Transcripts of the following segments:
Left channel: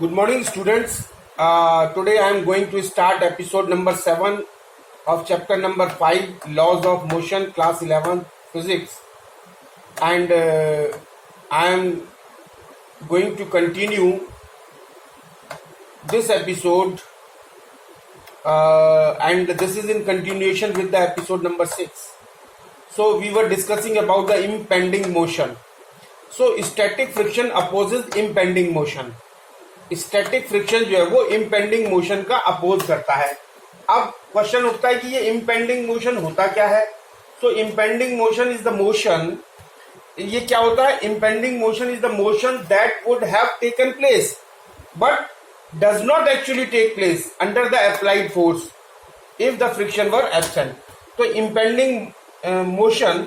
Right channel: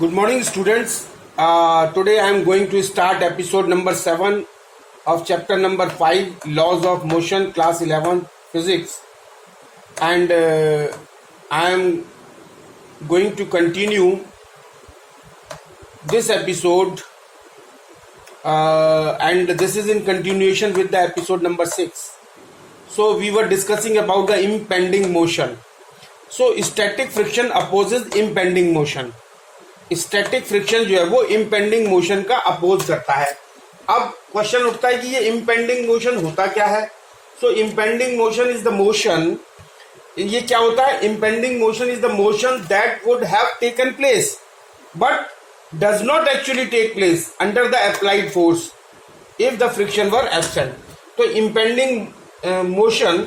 Good morning, students. Today I am going to start episode number 7 of chapter number 5, Laws of Motion, class 11, Physics. And I am going to continue this episode, and this is in continuation with the episode number 6. So we were discussing about the impending motion. So static friction opposes impending motion. Static friction जो है वो impending motion का oppose करता है. अब question उठता है कि ये इम्पेंडिंग मोशन होता क्या है. So impending motion is the motion, ये क्या होता है? Impending motion is the motion that would have taken place but does not actually take place under the applied force if the friction were absent. तो impending motion,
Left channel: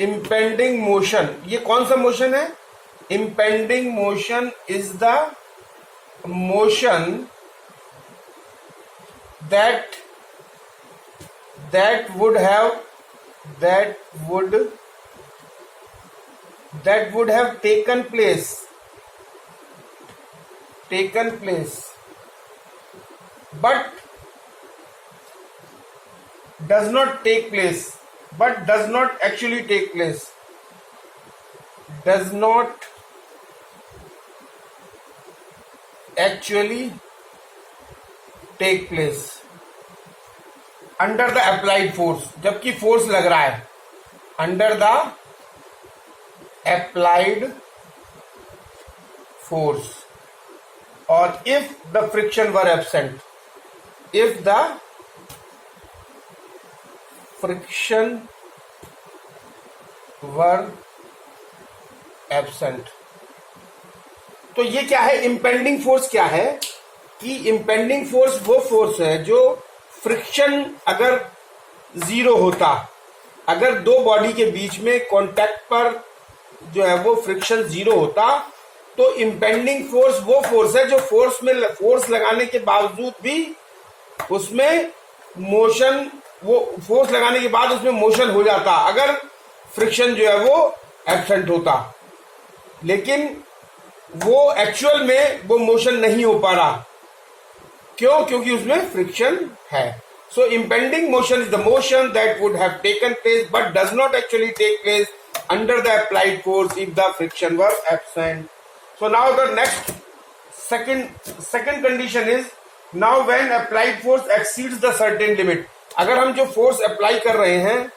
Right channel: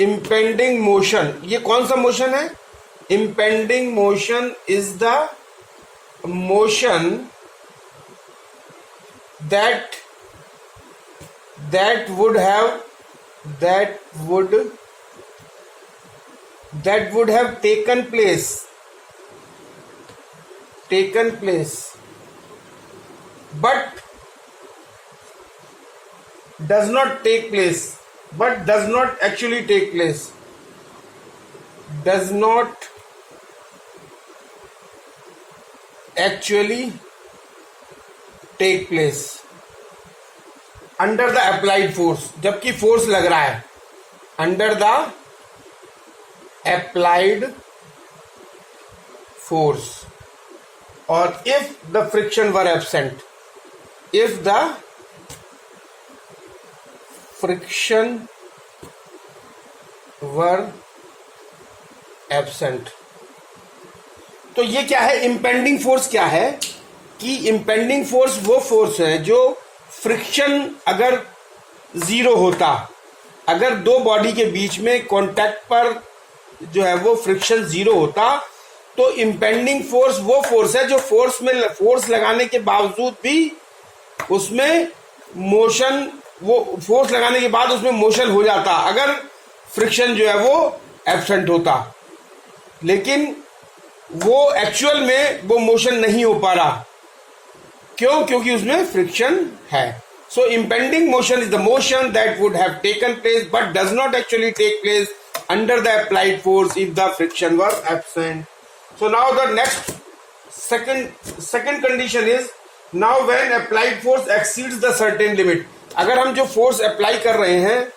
impending motion, ये कौन सा motion है? Impending motion is the motion that would have taken place but does not take place, but does not actually take place, does not actually take place under the applied force. जबकि force लग रहा है under the applied force, और if the friction were absent, if the friction were absent. तो ये क्या है? Impending force क्या है कि इम्पेंडिंग फोर्स वो फोर्स है जो फ्रिक्शन अगर जीरो होता, अगर दो बॉडी के बीच में कांटेक्ट पर जो है वो फ्रिक्शन जीरो होता, तो इम्पेंडिंग फोर्स वो फोर्स है जो फोर्स लगाने के बावजूद भी उसमें मोशन, वो फोर्स लगाने के बाद उसमें मोशन हो जाता अगर फ्रिक्शन जो है वो एब्सेंट होता. लेकिन वो एक्चुअल में वो मोशन नहीं हो पा रहा. क्यों? क्योंकि उसमें फ्रिक्शन है. So impending motion is the motion that would have taken place but does not actually take place under the applied force if the friction were absent. So now the next second condition is, now when applied force exceeds the certain limit. अगर हम जो force apply कर रहे हैं,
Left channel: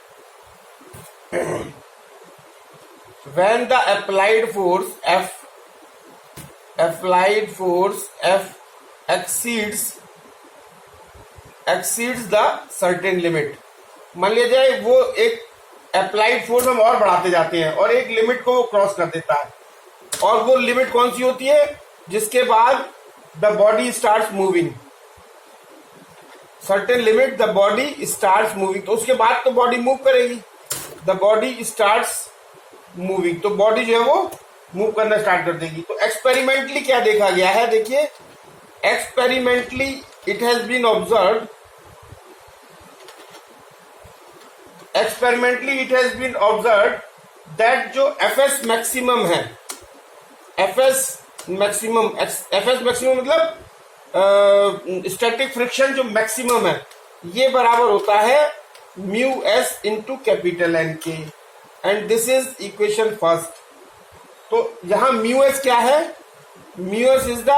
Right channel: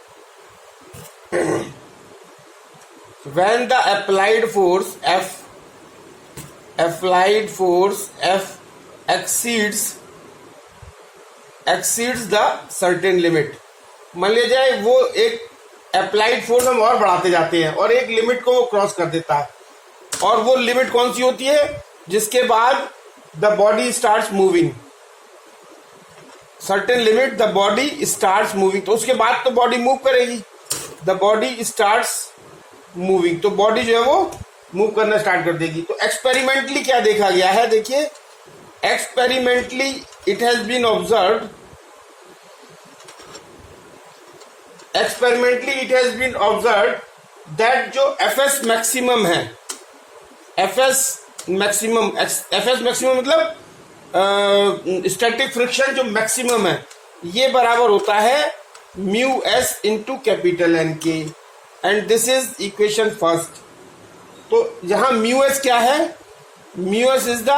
when the applied force F exceeds the certain limit. मान लिया जाए वो एक अप्लाइड फोर्स हम और बढ़ाते जाते हैं और एक लिमिट को वो क्रॉस कर देता है, और वो लिमिट कौन सी होती है? जिसके बाद the body starts moving. Certain limit the body starts moving. तो उसके बाद तो बॉडी मूव करेगी. द बॉडी स्टार्ट्स मूविंग, तो बॉडी जो है वो मूव करना स्टार्ट कर देगी. तो एक्सपेरिमेंटली क्या देखा गया है? देखिए, experimentally it has been observed that जो एफएस मैक्सिमम है, एफएस मैक्सिमम मतलब स्टैटिक फ्रिक्शन जो मैक्सिमम है, ये बराबर होता है mu s into capital N के, and this is equation first. तो यहां म्यू एस क्या है? Mu s is the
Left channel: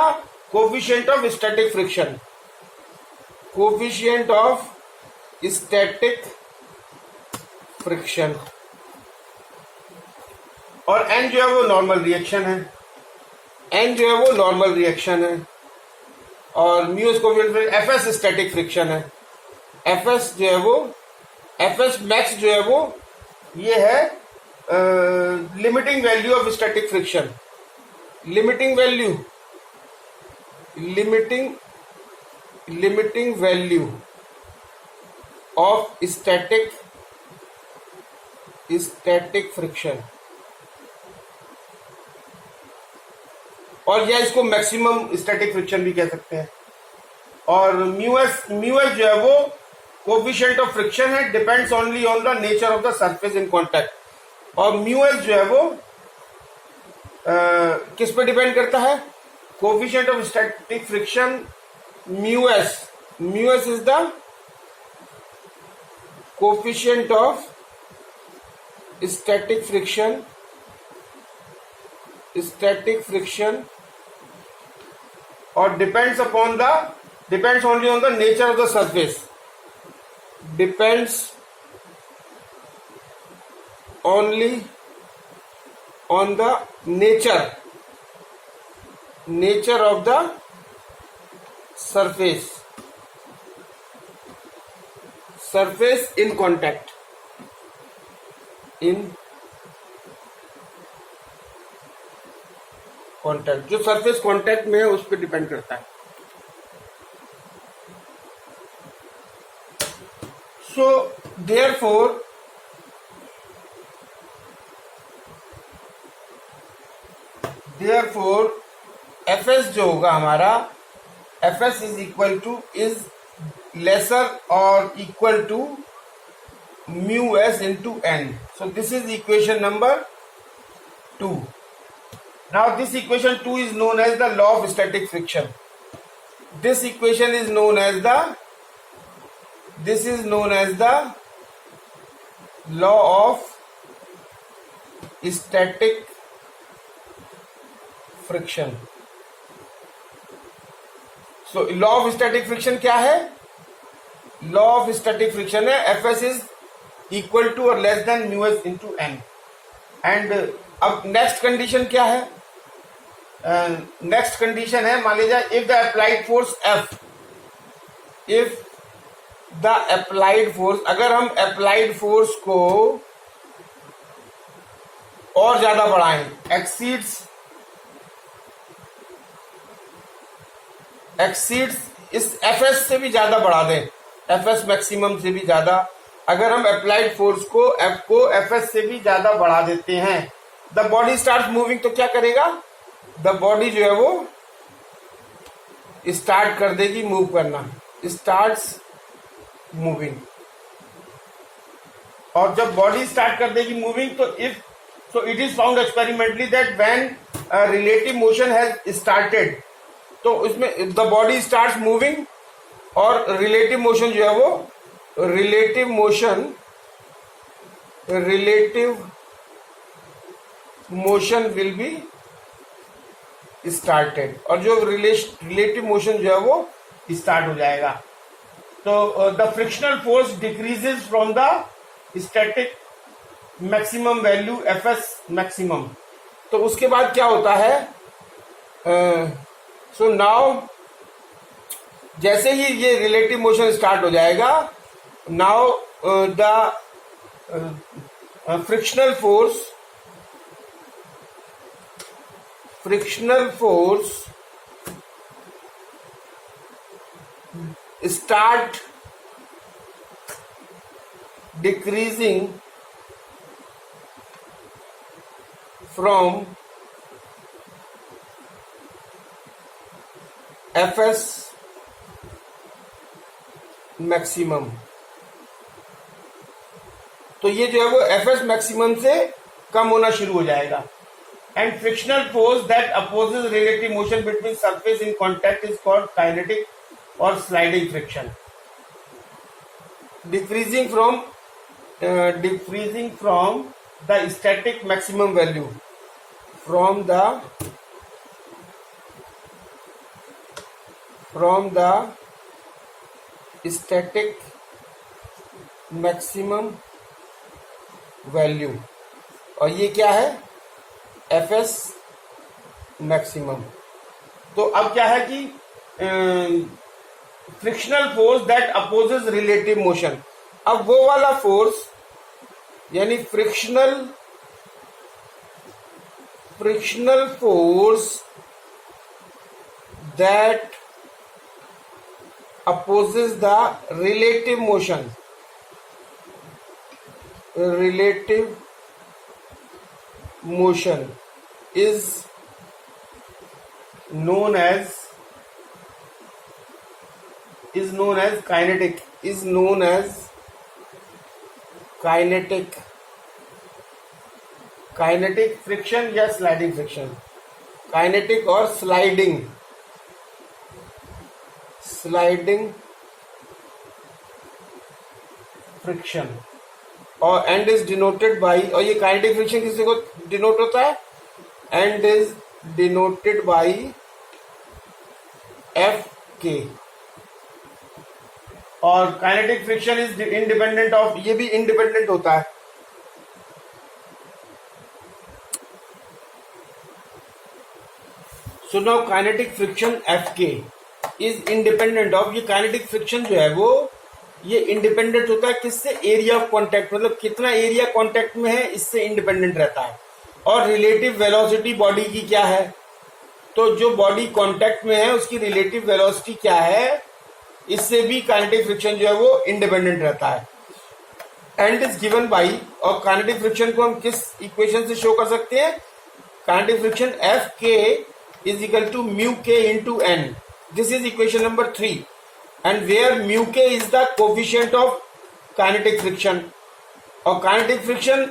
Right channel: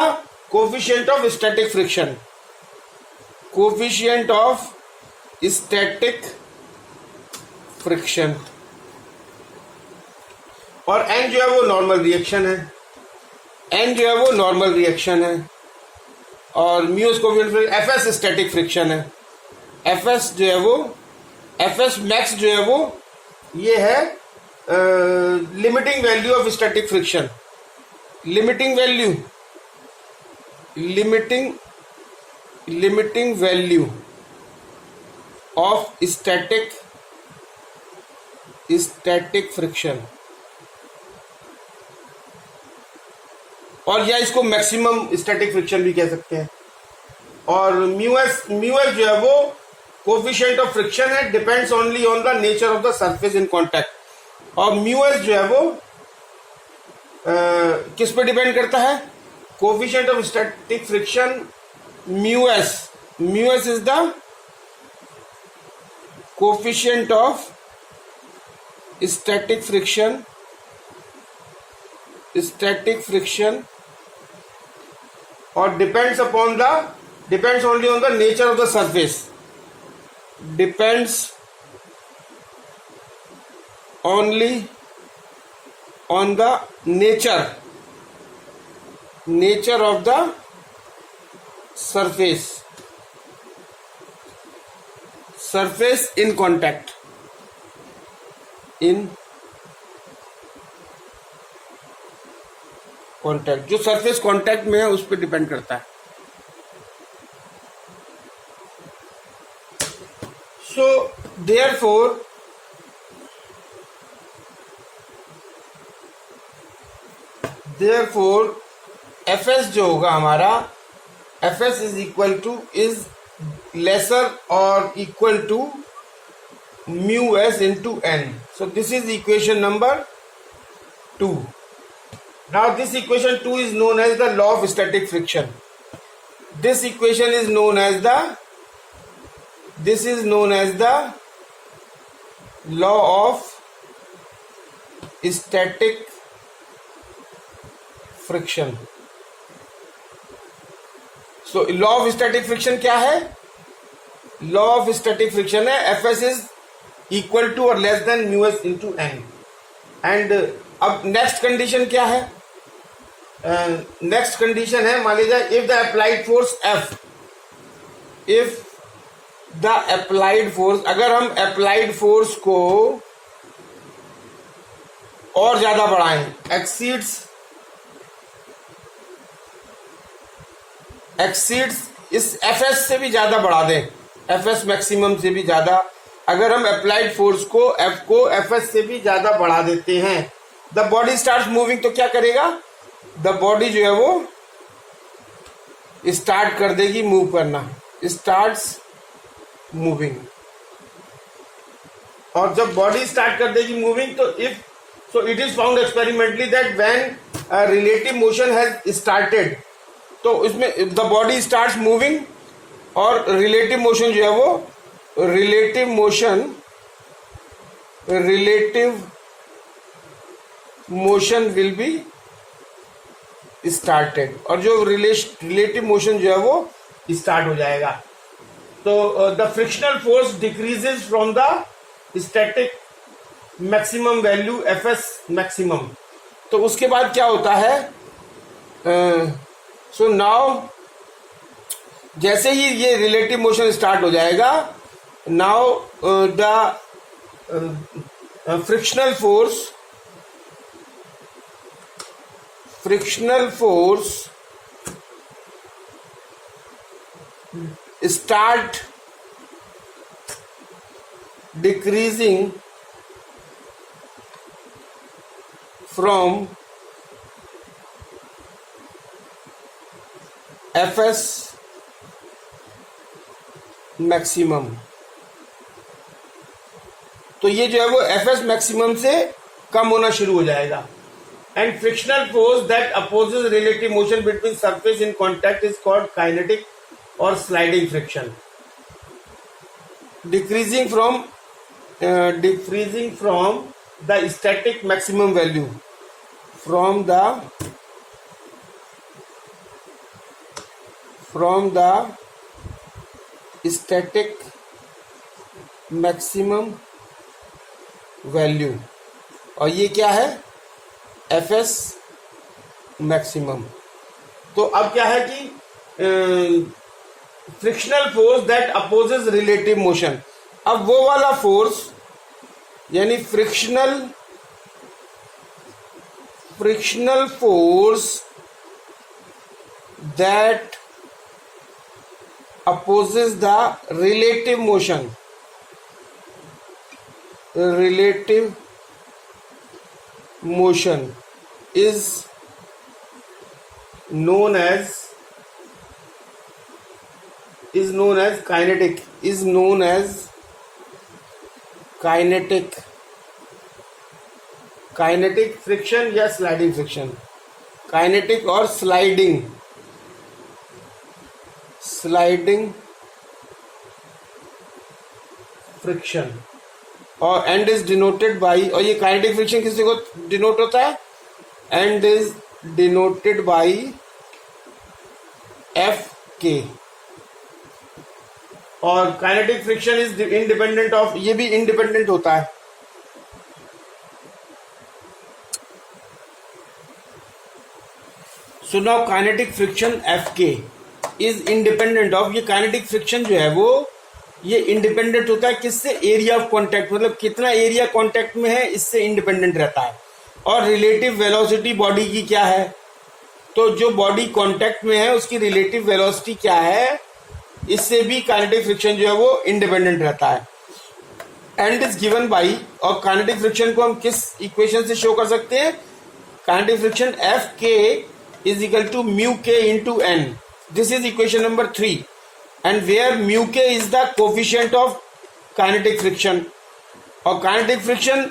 coefficient of static friction, coefficient of static friction, और एन जो है वो नॉर्मल रिएक्शन है, और mu coefficient FS static friction है. एफएस जो है वो, एफएस मैक्स जो है वो ये है limiting value of static friction, limiting value of static friction, और या इसको मैक्सिमम स्टैटिक फ्रिक्शन भी कह सकते हैं. और म्यू एस जो है वो कोफिशिएंट ऑफ फ्रिक्शन है, depends only on the nature of the surface in contact. और म्यू एस जो है वो किस पे डिपेंड करता है? Coefficient of static friction mu S. Mu s is the coefficient of static friction or depends only on the nature of the surface. Depends only on the nature of the surface in contact. जो surface contact में है उस पर depend करता है. So therefore FS जो होगा हमारा, एफएस इज लेसर और equal to mu s into n. So this is equation number 2. Now this equation 2 is known as the law of static friction. This equation is known as the law of static friction. So law of static friction क्या है? Law of static friction है Fs is equal to or less than mu s into n. And अब next condition क्या है? Next condition है, मान लीजिए if the applied force F, अगर हम अप्लाइड फोर्स को और ज्यादा बढ़ाएं, एक्सीड्स इस Fs से भी ज्यादा बढ़ा दें, Fs मैक्सिमम से भी ज्यादा, अगर हम अप्लाइड फोर्स को F को Fs से भी ज्यादा बढ़ा देते हैं, द बॉडी स्टार्ट मूविंग. तो क्या करेगा? द बॉडी जो है वो स्टार्ट कर देगी मूव करना, स्टार्ट्स मूविंग. और जब बॉडी स्टार्ट कर देगी मूविंग, तो it is found experimentally that when relative motion has started, तो इसमें द बॉडी स्टार्ट्स मूविंग और रिलेटिव मोशन जो है वो relative motion will be started, और जो रिलेटिव मोशन जो है वो स्टार्ट हो जाएगा. तो the frictional force decreases from the static maximum value Fs maximum. तो उसके बाद क्या होता है? सो नाउ जैसे ही ये रिलेटिव मोशन स्टार्ट हो जाएगा, now the frictional force start decreasing from Fs maximum. तो ये जो है वो Fs मैक्सिमम से कम होना शुरू हो जाएगा. And frictional force that opposes relative motion between surface in contact is called kinetic और sliding friction. Decreasing from the static maximum value, from the static maximum value. और ये क्या है? Fs maximum. तो अब क्या है कि frictional force that opposes relative motion, अब वो वाला फोर्स यानी frictional force that opposes the relative motion is known as kinetic kinetic friction या स्लाइडिंग फ्रिक्शन, काइनेटिक और स्लाइडिंग फ्रिक्शन, और एंड इज डिनोटेड बाई, और ये काइनेटिक फ्रिक्शन किसी को डिनोट होता है, and is denoted by F के, और kinetic friction is independent of, ये भी इंडिपेंडेंट होता है। So now kinetic friction F K is independent of, ये काइनेटिक फ्रिक्शन जो है वो ये इंडिपेंडेंट होता है किससे, एरिया ऑफ कांटेक्ट, मतलब कितना एरिया कांटेक्ट में है, इससे इंडिपेंडेंट रहता है। और रिलेटिव वेलोसिटी बॉडी की क्या है, तो जो बॉडी कांटेक्ट में है उसकी रिलेटिव वेलोसिटी क्या है, इससे भी काइनेटिक फ्रिक्शन जो है वो इंडिपेंडेंट रहता है। एंड इज गिवन बाई, और काइनेटिक फ्रिक्शन को हम किस इक्वेशन से शो कर सकते हैं, kinetic friction F K is equal to mu K into N, this is equation number 3, and where mu K is the coefficient of kinetic friction. और kinetic friction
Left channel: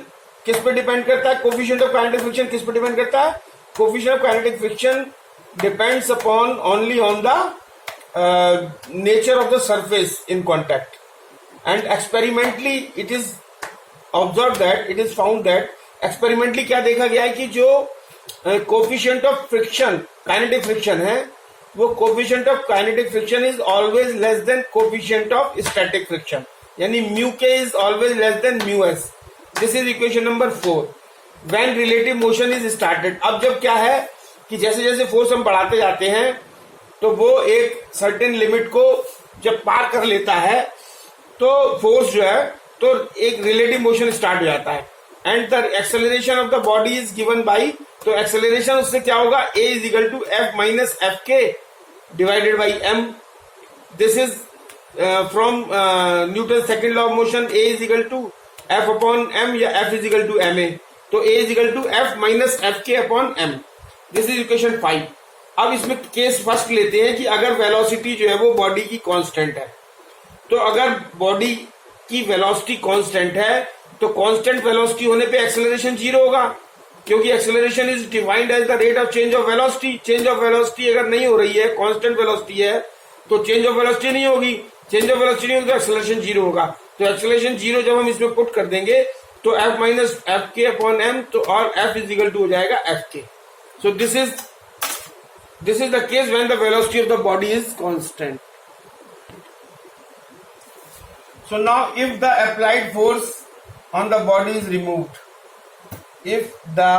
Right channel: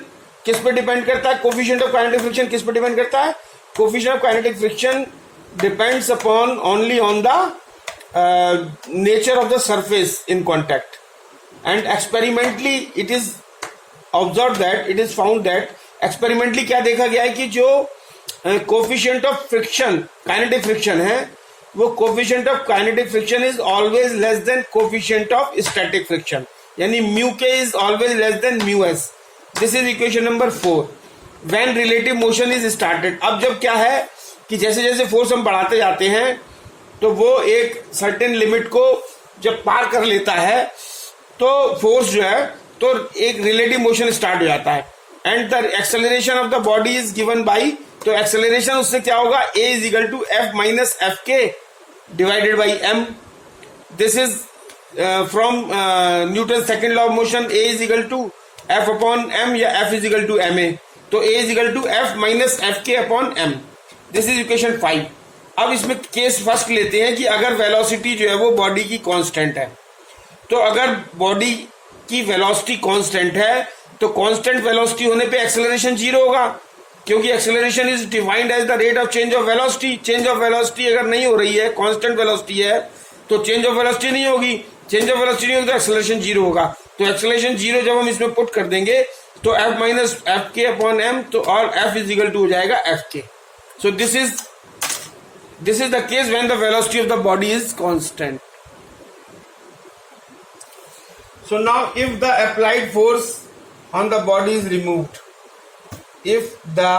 किस पे डिपेंड करता है, कोफिशिएंट ऑफ काइनेटिक फ्रिक्शन किस पे depend करता है, coefficient of kinetic friction depends upon only on the nature of the surface in contact, and experimentally it is observed that, it is found that, experimentally क्या देखा गया है कि जो coefficient of friction kinetic friction है, वो coefficient of kinetic friction is always less than coefficient of static friction, यानी mu k is always less than mu s, this is equation number 4 when relative motion is started। अब जब क्या है कि जैसे जैसे फोर्स हम बढ़ाते जाते हैं तो वो एक सर्टेन लिमिट को जब पार कर लेता है तो फोर्स जो है तो एक रिलेटिव मोशन स्टार्ट हो जाता है, and the acceleration of the body is given by, तो एक्सेलरेशन उससे क्या होगा, a is equal to F minus F K divided by m, this is from Newton second law of motion, a is equal to F upon m या F is equal to m a, तो a is equal to F minus F K upon m, this is equation 5। अब इसमें case first लेते हैं कि अगर velocity जो है वो बॉडी की कांस्टेंट है, तो अगर बॉडी की वेलोसिटी कांस्टेंट है तो कांस्टेंट वेलोसिटी होने पे एक्सेलरेशन 0 होगा, क्योंकि acceleration is defined as the rate of change of velocity. Change of velocity अगर नहीं हो रही है, कांस्टेंट वेलोसिटी है, तो चेंज ऑफ वेलोसिटी नहीं होगी, चेंज ऑफ वेलोसिटी नहीं होगी तो एक्सेलरेशन 0 होगा। तो एक्सेलरेशन 0 जब हम इसमें पुट कर देंगे तो F minus F K upon M, तो और एफ इज इक्वल टू हो जाएगा एफ के। सो this is the case when the velocity of the body is constant. So now if the applied force on the body is removed, if the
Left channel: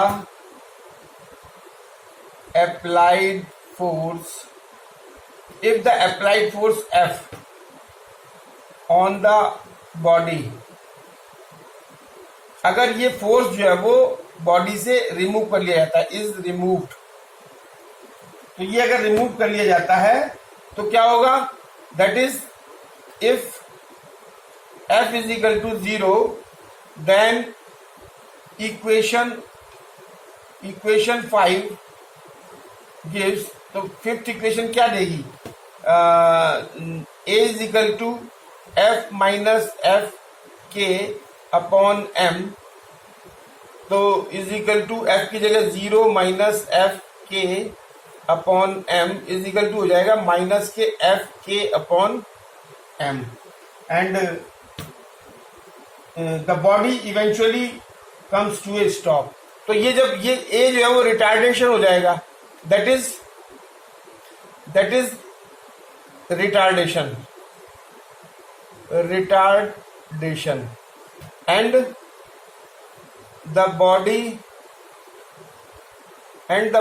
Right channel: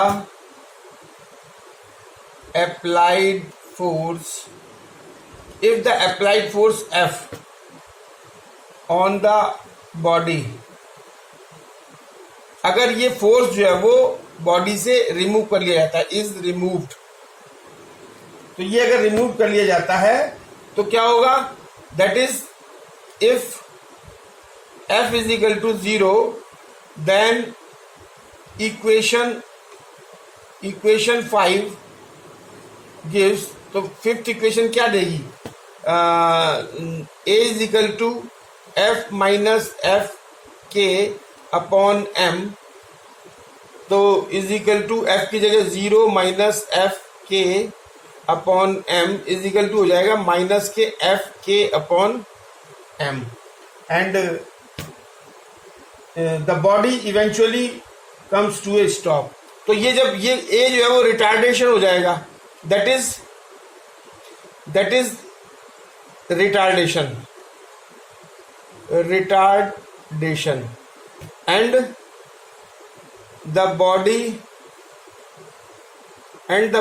applied force F on the body, अगर ये force जो है वो body से remove कर लिया जाता है, इज रिमूव्ड, तो ये अगर रिमूव कर लिया जाता है तो क्या होगा, that is if F is equal to 0 then equation 5 gives, तो फिफ्थ इक्वेशन क्या देगी, A is equal to F minus F K upon M, तो इज इक्वल टू F की जगह 0 minus F K upon M is equal to हो जाएगा minus K F K upon M, and the body eventually comes to a stop. तो ये जब ये ए जो है वो रिटार्डेशन हो जाएगा, that is retardation and the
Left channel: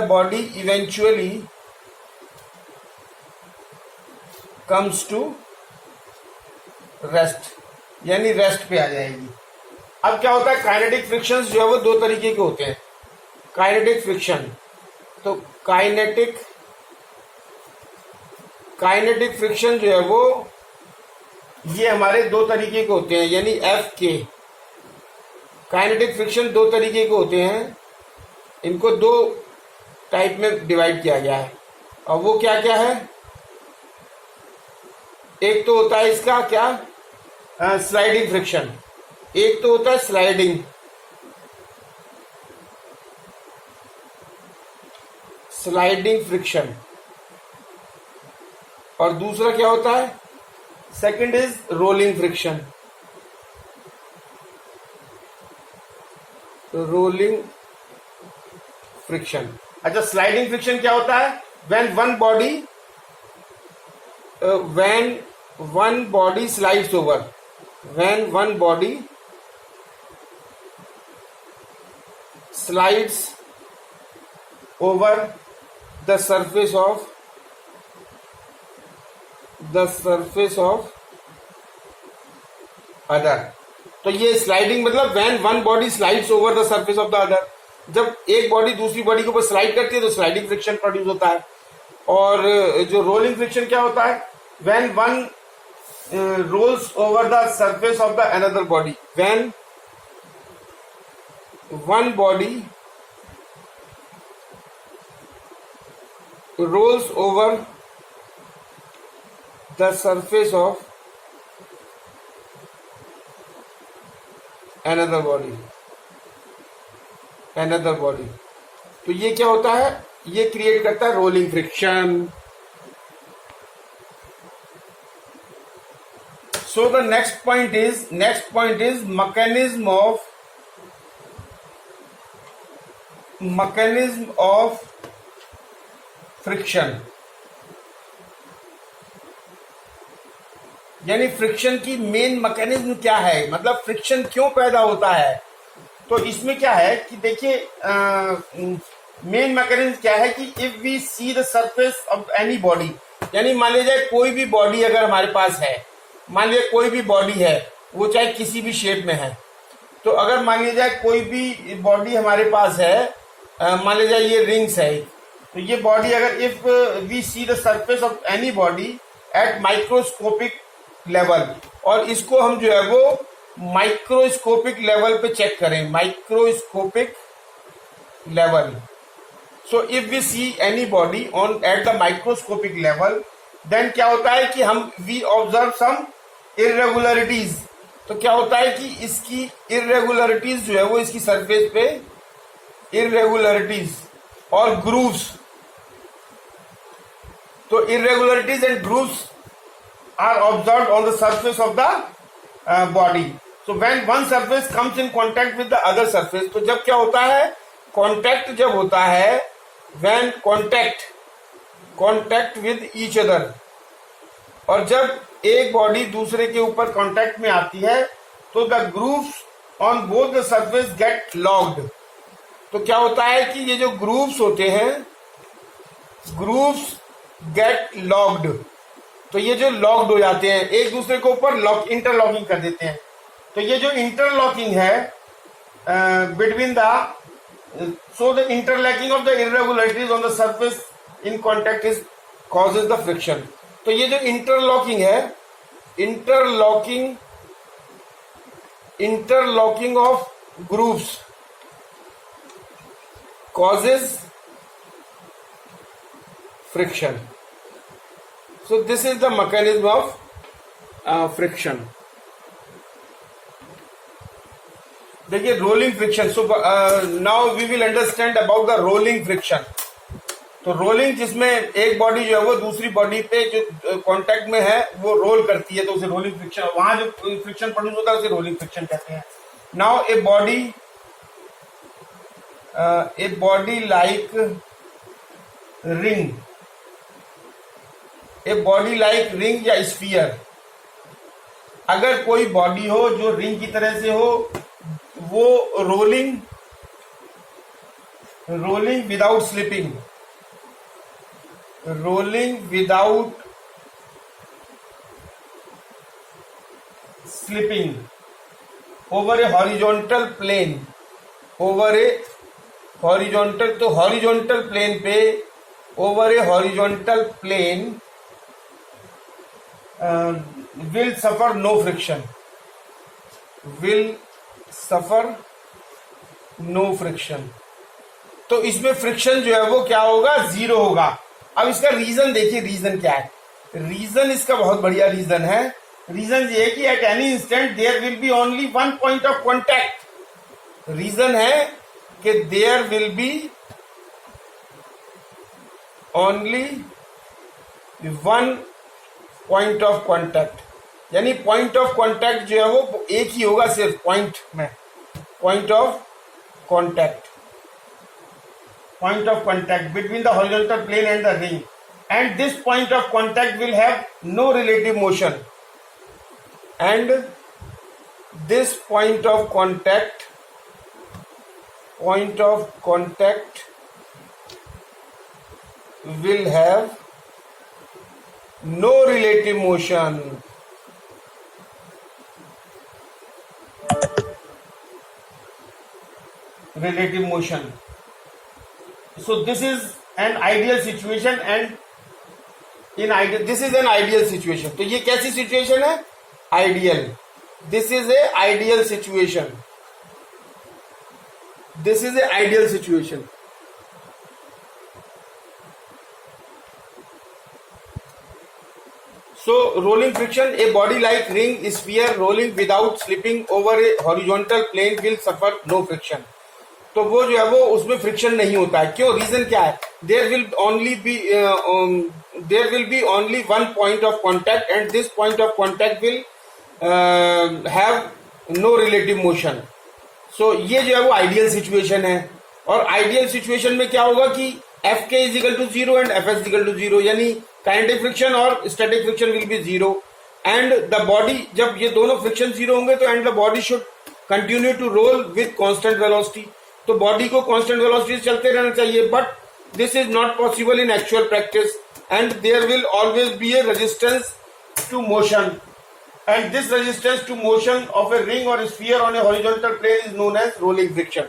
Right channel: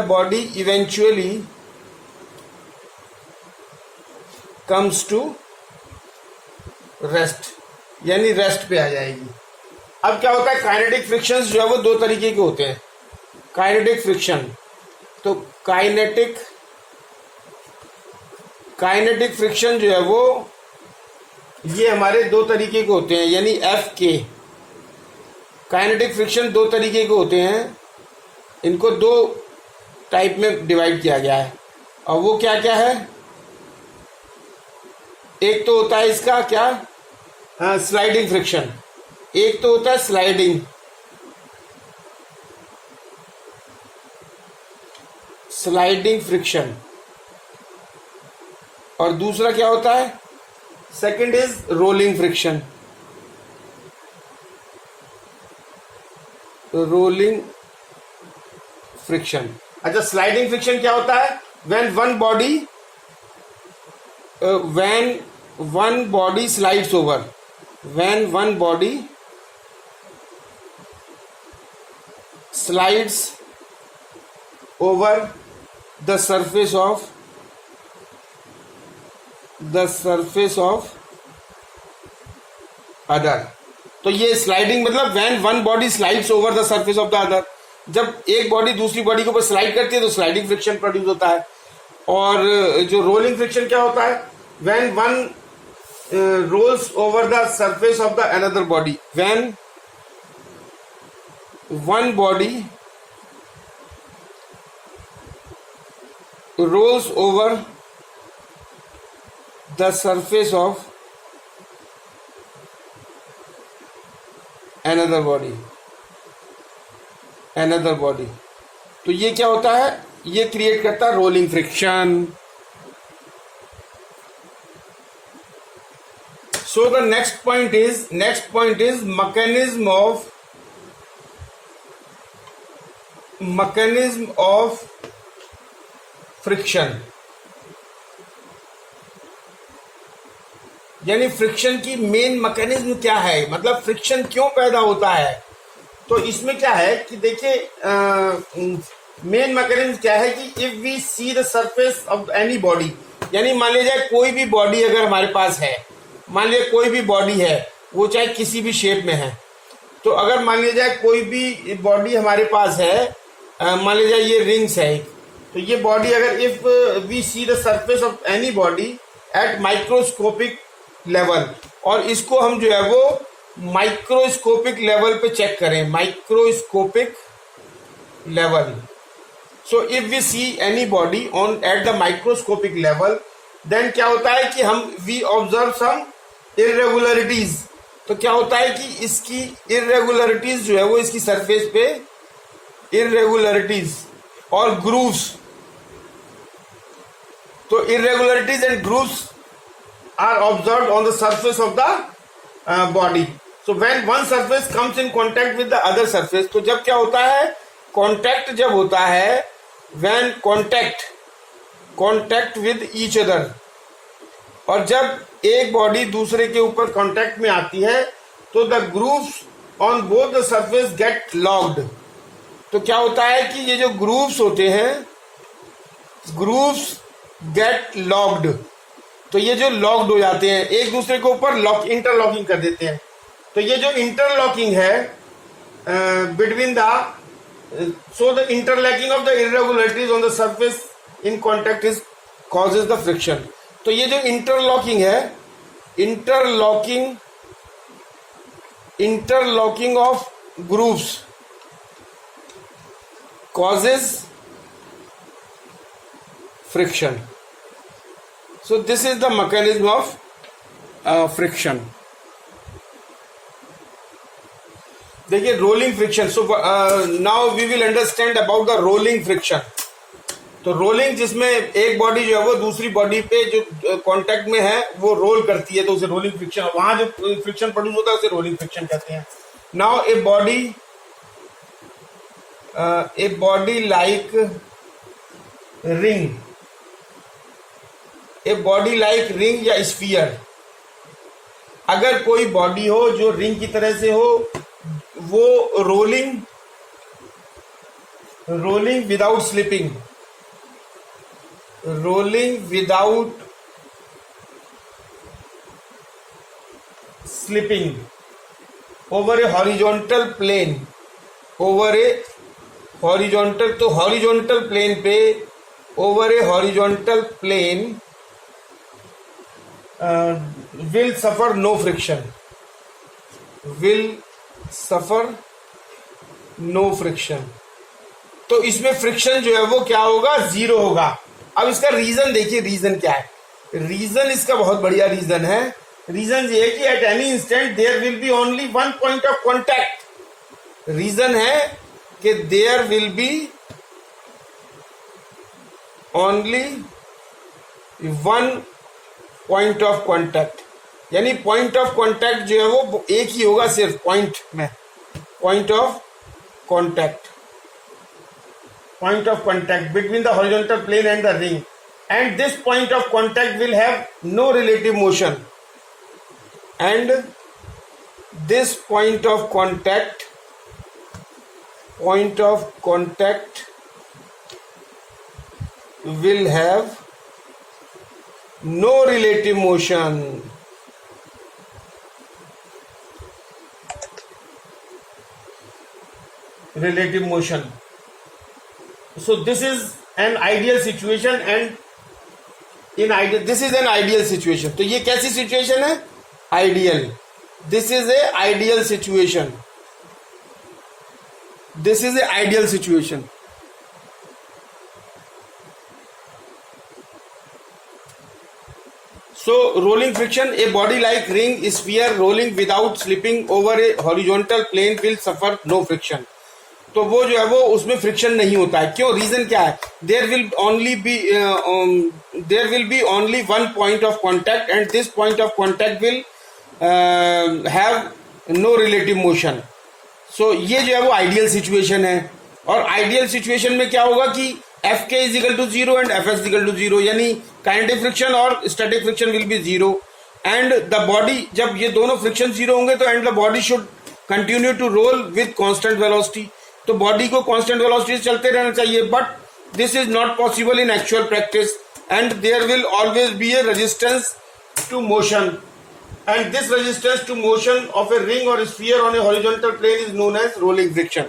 body eventually comes to rest, यानी रेस्ट पे आ जाएगी। अब क्या होता है, काइनेटिक फ्रिक्शंस जो है वो दो तरीके के होते हैं। काइनेटिक फ्रिक्शन, तो काइनेटिक फ्रिक्शन जो है वो ये हमारे दो तरीके के होते हैं, यानी एफ के। काइनेटिक फ्रिक्शन दो तरीके के होते हैं, इनको दो टाइप में डिवाइड किया गया है, और वो क्या क्या है, एक तो होता है इसका क्या, स्लाइडिंग फ्रिक्शन, एक तो होता है स्लाइडिंग फ्रिक्शन, और दूसरा क्या होता है, second is rolling friction. Rolling friction. अच्छा, स्लाइडिंग फ्रिक्शन क्या होता है, when one body slides over, when one body slides over the surface of other. तो ये स्लाइडिंग मतलब when one body slides over the surface of the other, जब एक body दूसरी बॉडी के ऊपर स्लाइड करती है तो स्लाइडिंग फ्रिक्शन प्रोड्यूस होता है। और जो रोलिंग फ्रिक्शन क्या होता है, when one rolls over the surface of the another body, when one body rolls over the surface of another body। तो ये क्या होता है, ये क्रिएट करता है rolling friction. So the next point is mechanism of friction, यानी friction की मेन मैकेनिज्म क्या है, मतलब फ्रिक्शन क्यों पैदा होता है। तो इसमें क्या है कि देखिए, मेन मैकेनिज्म क्या है कि if we see the surface of any body, यानी मान लिया जाए कोई भी बॉडी अगर हमारे पास है, मान लिया कोई भी बॉडी है, वो चाहे किसी भी शेप में है, तो अगर मान लिया जाए कोई भी बॉडी हमारे पास है, मान लिया जाए ये रिंग्स है, तो ये बॉडी अगर if we see the surface of any body at microscopic level, और इसको हम जो है वो माइक्रोस्कोपिक लेवल पे चेक करें, microscopic level. So if we see any body on at the microscopic level, then क्या होता है कि हम वी ऑब्जर्व सम इरेगुलरिटीज। तो क्या होता है कि इसकी इरेगुलरिटीज जो है वो इसकी सरफेस पे इरेगुलरिटीज और ग्रूव्स, तो irregularities and grooves are observed on the surface of the body. So when one surface comes in contact with the other surface, तो जब क्या होता है, contact जब होता है, when contact with each other, और जब एक बॉडी दूसरे के ऊपर कांटेक्ट में आती है तो the grooves on both the surface get locked। तो क्या होता है कि ये जो ग्रूव्स होते हैं, ग्रूव्स गेट लॉक्ड, तो ये जो लॉक्ड हो जाते हैं एक दूसरे के ऊपर, इंटरलॉकिंग कर देते हैं। तो ये जो इंटरलॉकिंग है between so the interlocking of the irregularities on the surface in contact is causes the friction. तो ये जो इंटरलॉकिंग है, interlocking of grooves causes friction। So this is the mechanism of friction। देखिए rolling friction. So now we will understand about the rolling friction. तो rolling जिसमें एक body जो है वो दूसरी बॉडी पे जो कांटेक्ट में है वो रोल करती है, तो उसे रोलिंग फ्रिक्शन, वहां जो फ्रिक्शन प्रोड्यूस होता है उसे रोलिंग फ्रिक्शन कहते हैं। Now a body like ring या स्फीयर, अगर कोई बॉडी हो जो रिंग की तरह से हो, वो rolling without slipping, over a horizontal plane, तो हॉरिजॉन्टल प्लेन पे, over a horizontal plane will suffer no friction, तो इसमें फ्रिक्शन जो है वो क्या होगा, जीरो होगा। अब इसका रीजन देखिए, रीजन क्या है, रीजन इसका बहुत बढ़िया रीजन है। रीजन ये है कि at any instant there will be only one point of contact. Reason है कि there will be only one point of contact, यानी पॉइंट ऑफ कॉन्टैक्ट जो है वो एक ही होगा सिर्फ पॉइंट में, point of contact, point of contact between the horizontal plane and the ring, and this point of contact will have no relative motion, and this point of contact will have no relative motion. Relative motion. So this is an ideal situation, and this is an ideal situation. तो ये कैसी situation है? Ideal. This is a ideal situation. This is a ideal situation. So rolling friction, a body like ring sphere rolling without slipping over a horizontal plane will suffer no friction. तो वो जो है वो उसमें friction नहीं होता है. क्यों? रीजन क्या है? There will be only one point of contact, and this point of contact will have no relative motion. So ये जो है वो आइडियल सिचुएशन है. और आइडियल सिचुएशन में क्या होगा कि F K is equal to zero and F S is equal to zero, यानी काइनेटिक फ्रिक्शन और static friction will be zero, and the body, जब ये दोनों फ्रिक्शन जीरो होंगे तो and the body should continue to roll with constant velocity. तो body को constant velocity से चलते रहना चाहिए, but this is not possible in actual practice, and there will always be a resistance to motion, and this resistance to motion of a ring और sphere on a horizontal plane is known as rolling friction.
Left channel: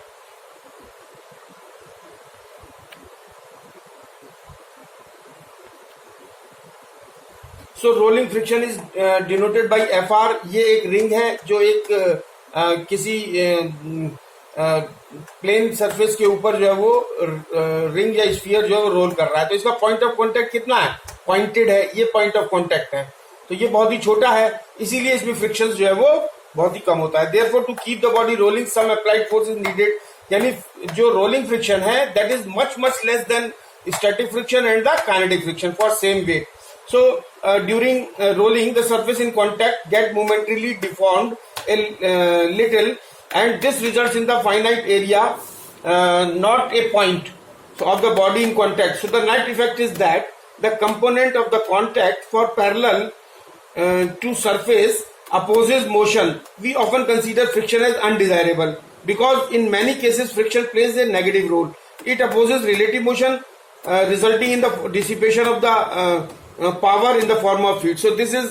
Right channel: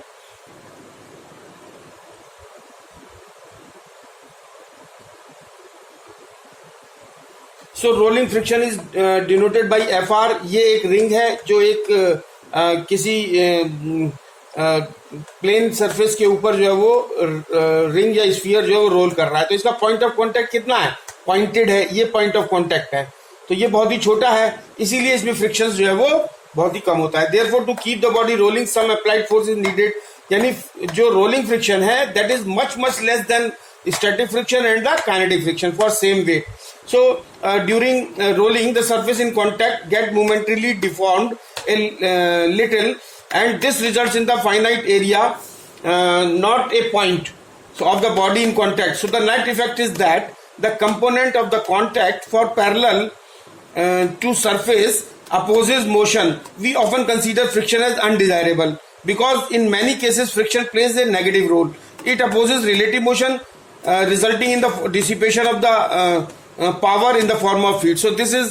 So rolling friction is denoted by F R. ये एक ring है जो एक किसी plane surface के ऊपर जो है वो रिंग या स्फीयर जो है वो रोल कर रहा है. तो इसका पॉइंट ऑफ कॉन्टैक्ट कितना है? पॉइंटेड है. ये पॉइंट ऑफ कॉन्टैक्ट है, तो ये बहुत ही छोटा है, इसीलिए इसमें फ्रिक्शन जो है वो बहुत ही कम होता है. Therefore to keep the body rolling some applied force is needed, यानी जो रोलिंग फ्रिक्शन है that is much less than static friction and the kinetic friction for same weight. So during rolling, the surface in contact get momentarily deformed a little, and this results in the finite area, not a point, so of the body in contact. So the net effect is that the component of the contact for parallel to surface opposes motion. We often consider friction as undesirable because in many cases friction plays a negative role. It opposes relative motion, resulting in the dissipation of the power in the form of heat. So this is